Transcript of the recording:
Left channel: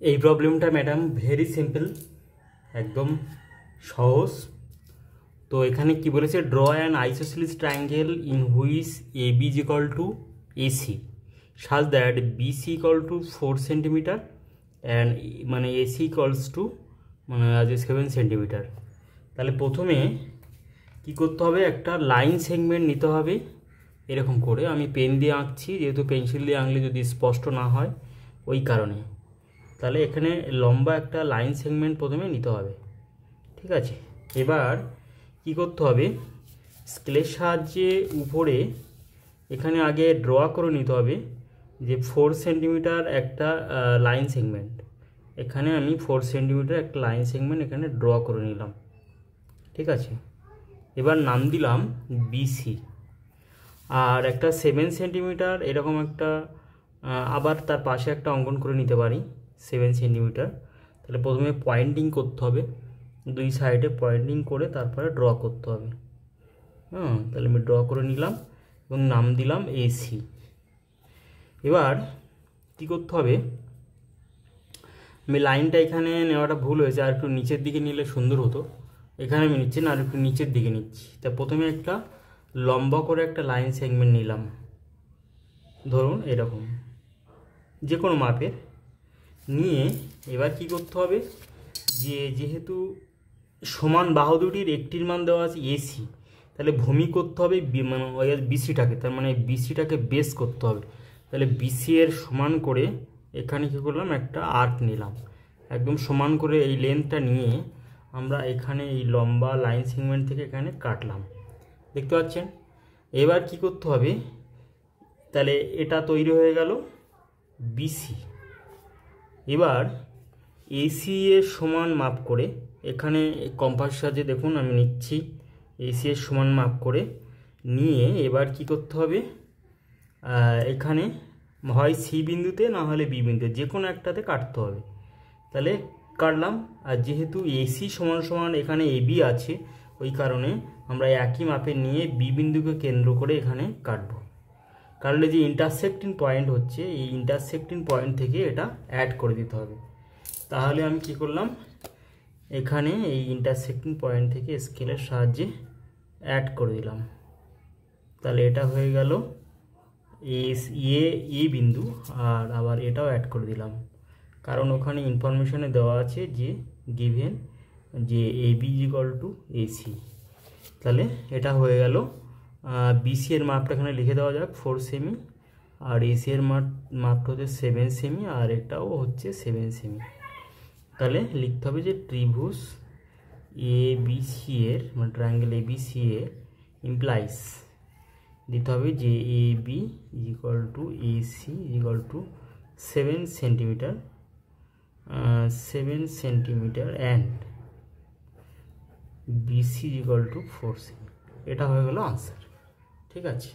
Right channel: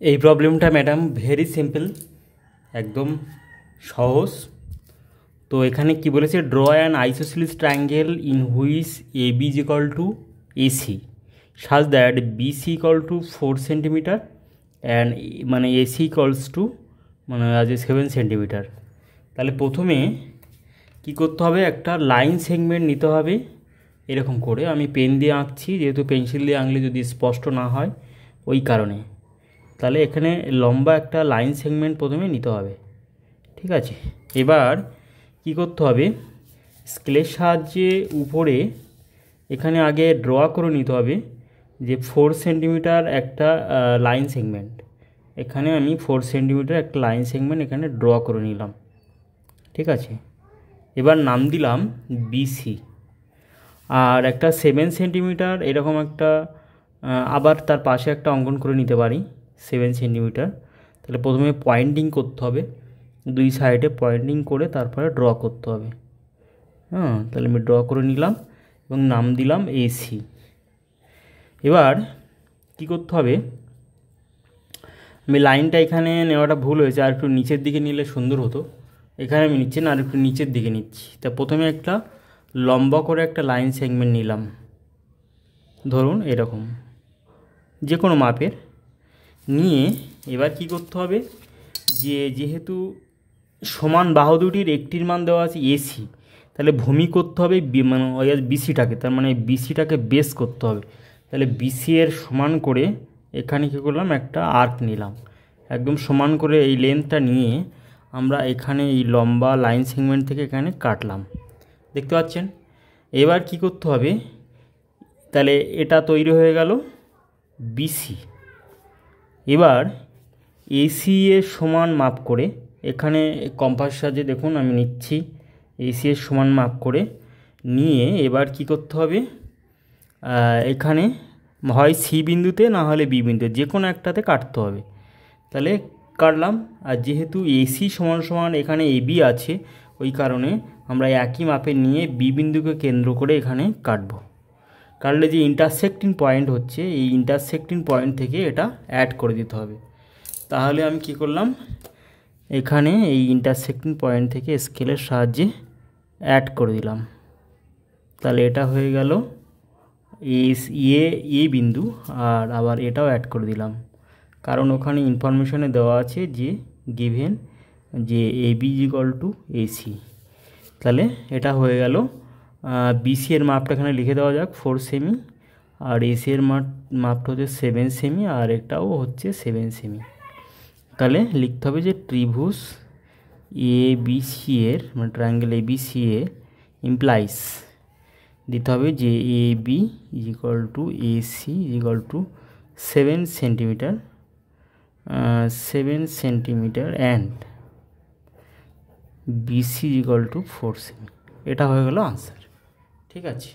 এই প্রবলেমটা madam very simple, একদম সহজ। তো এখানে কি বলেছে, draw an isosceles triangle in which A B is equal to AC such that BC equal to 4 centimetre and মানে এসি ইকালস টু মানে আজ 7 সেন্টিমিটার। তাহলে প্রথমে কি করতে হবে, একটা লাইন সেগমেন্ট নিতে হবে এরকম করে। আমি পেন দিয়ে আঁকছি, যেহেতু পেন্সিল দিয়ে আঁকলে যদি স্পষ্ট না হয় ওই কারণে। তাহলে এখানে লম্বা একটা লাইন সেগমেন্ট প্রথমে নিতে হবে, ঠিক আছে। এবার কি করতে হবে, স্কেলের সাহায্যে উপরে এখানে আগে ড্র করে নিতে হবে যে 4 সেন্টিমিটার একটা লাইন সেগমেন্ট। এখানে আমি 4 সেন্টিমিটার একটা লাইন সেগমেন্ট এখানে ড্র করে নিলাম, ঠিক আছে। এবার নাম দিলাম বিসি। আর একটা 7 সেন্টিমিটার এরকম একটা আবার তার পাশে একটা অঙ্কন করে নিতে পারি 7 সেন্টিমিটার। তাহলে প্রথমে পয়েন্টিং করতে হবে, দুই সাইডে পয়েন্টিং করে তারপরে ড্র করতে হবে। তাহলে আমি ড্র করে নিলাম এবং নাম দিলাম এসি। এবার কি করতে হবে, আমি লাইনটা এখানে নেওয়াটা ভুল হয়েছে, আর একটু নিচের দিকে নিলে সুন্দর হতো। এখানে আমি নিচ্ছি না, আর একটু নিচের দিকে নিচ্ছি। তা প্রথমে একটা লম্বা করে একটা লাইন সেগমেন্ট নিলাম, ধরুন এরকম যে কোনো মাপের নিয়ে। এবার কি করতে হবে, যেহেতু সমান বাহু দুটির একটির মান দেওয়া আছে এসি, তাহলে ভূমি করতে হবে মানে বিসিটাকে, তার মানে বিসিটাকে বেস করতে হবে। তাহলে বিসি এর সমান করে এখানে কী করলাম, একটা আর্ক নিলাম, একদম সমান করে এই লেন্থটা নিয়ে আমরা এখানে এই লম্বা লাইন সেগমেন্ট থেকে এখানে কাটলাম, দেখতে পাচ্ছেন। এবার কি করতে হবে, তাহলে এটা তৈরি হয়ে গেল বিসি। এবার এসি এর সমান মাপ করে এখানে কম্পাস সাহায্যে দেখুন আমি নিচ্ছি, এসি এর সমান মাপ করে নিয়ে এবার কি করতে হবে, এখানে হয় সি বিন্দুতে না হলে বি বিন্দুতে যে কোনো একটাতে কাটতে হবে। তাহলে কাটলাম, আর যেহেতু এসি সমান সমান এখানে এবি আছে ওই কারণে আমরা একই মাপে নিয়ে বি বিন্দুকে কেন্দ্র করে এখানে কাটব। কাটলে যে ইন্টারসেক্টিং পয়েন্ট হচ্ছে, এই ইন্টারসেক্টিং পয়েন্ট থেকে এটা অ্যাড করে দিতে হবে। তাহলে আমি কি করলাম, এখানে এই ইন্টারসেক্টিং পয়েন্ট থেকে স্কেলের সাহায্যে অ্যাড করে দিলাম। তাহলে এটা হয়ে গেল এ বিন্দু, আর আবার এটাও অ্যাড করে দিলাম, কারণ ওখানে ইনফরমেশনে দেওয়া আছে যে গিভেন যে এবি ইকুয়াল টু এসি। তাহলে এটা হয়ে গেল বিসি এর মাপটা এখানে লিখে দেওয়া যাক 4 সেমি, আর এসি এর মাপটা হচ্ছে 7 সেমি, আর এটাও হচ্ছে 7 সেমি। তাহলে লিখতে হবে যে ত্রিভুজ এ বি সি এর মানে ট্রায়াঙ্গেল এ বি সি এ ইমপ্লাইজ দিতে হবে যে A B is equal to AC is equal to 7 centimetre 7 centimetre and BC is equal to 4 সেমি। এটা হয়ে গেল আনসার, ঠিক আছে।